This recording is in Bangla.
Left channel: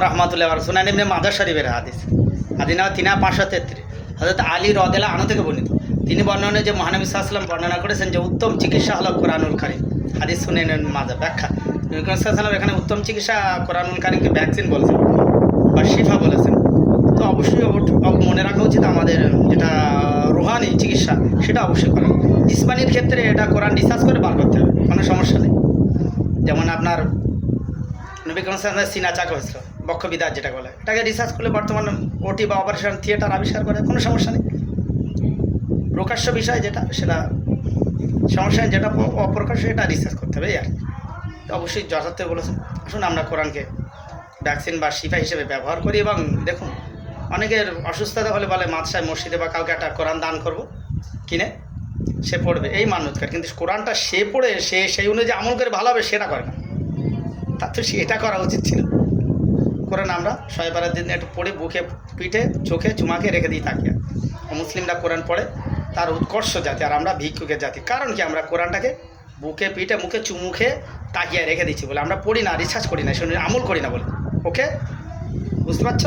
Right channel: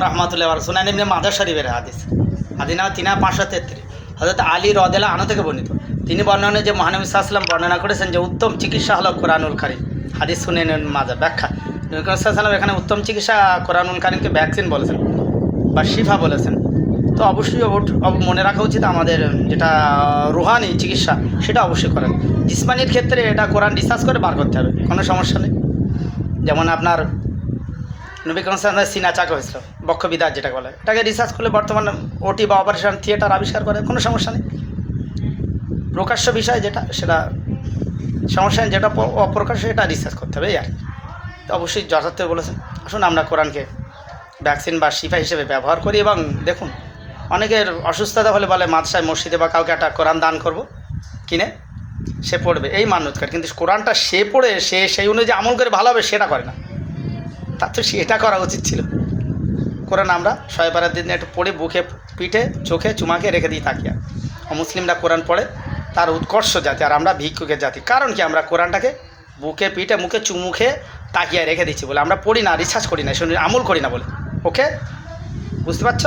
রহমাতুল্লাহ সুনান ইবনে মাদার শরীফের হাদিস। হাদিস নাম তিনা পাঁচশো তেত্রিশ। হজরত আলী রদেলা আনা থেকে বর্ণিত। তিনি বর্ণনা যে মহানবী সাল্লাম বর্ণনা করেছেন যে উত্তম চিকিৎসা হলো কোরআনুল কারিম। হাদিস শুনে মাজা ব্যাখ্যা। নবী এখানে উত্তম চিকিৎসা কোরআনুল কারিমকে ভ্যাকসিন বলেছেন বা শিফা বলেছেন। তো অবশ্যই অব- মনে রাখা উচিত আমাদের যেটা রুহানি চিকিৎসা, সেটা অবশ্যই করেন। জিসমানির ক্ষেত্রে এটা কোরআন রিসার্চ করে বার করতে হবে, কোনো সমস্যা নেই। যেমন আপনার নবী সাল্লাম সিনা চাকা হয়েছিল বক্ষবিদার যেটা বলে। এটাকে রিসার্চ করলে বর্তমান ওটি বা অপারেশন থিয়েটার আবিষ্কার করে, কোনো সমস্যা নেই। প্রকাশ্য বিষয় যেটা, সেটা সমস্যা যেটা অপ্রকাশ্য এটা রিসার্চ করতে হবে আর। তো অবশ্যই যথার্থ বলেছেন। আসুন আমরা কোরআনকে ভ্যাকসিন বা শিফা হিসেবে ব্যবহার করি এবং দেখুন, অনেকের অসুস্থতা হলে বলে মাদশায় মসজিদে বা কাউকে একটা কোরআন দান করব, কিনে সে পড়বে, এই মান্যতকার কিন্তু কোরআনটা সে পড়ে, সে সেই অনুযায়ী আমল করে ভালো হবে, সেটা করে না। তার তো সেটা করা উচিত ছিল। কোরআন আমরা শয়েবারের দিন একটু পড়ে বুকে পিঠে, চোখে চুমাকে রেখে দিই তাকিয়া। মুসলিমরা কোরআন পড়ে, তার উৎকর্ষ জাতি আর আমরা ভিক্ষুকের জাতি। কারণ কি? আমরা কোরআনটাকে বুকে পিঠে, মুখে চুমুখে তাকিয়ে রেখে দিচ্ছি বলে। আমরা পড়ি না, রিসার্চ করি না, শুনি, আমল করি না বলে। ওকে? বুঝতে পারছ?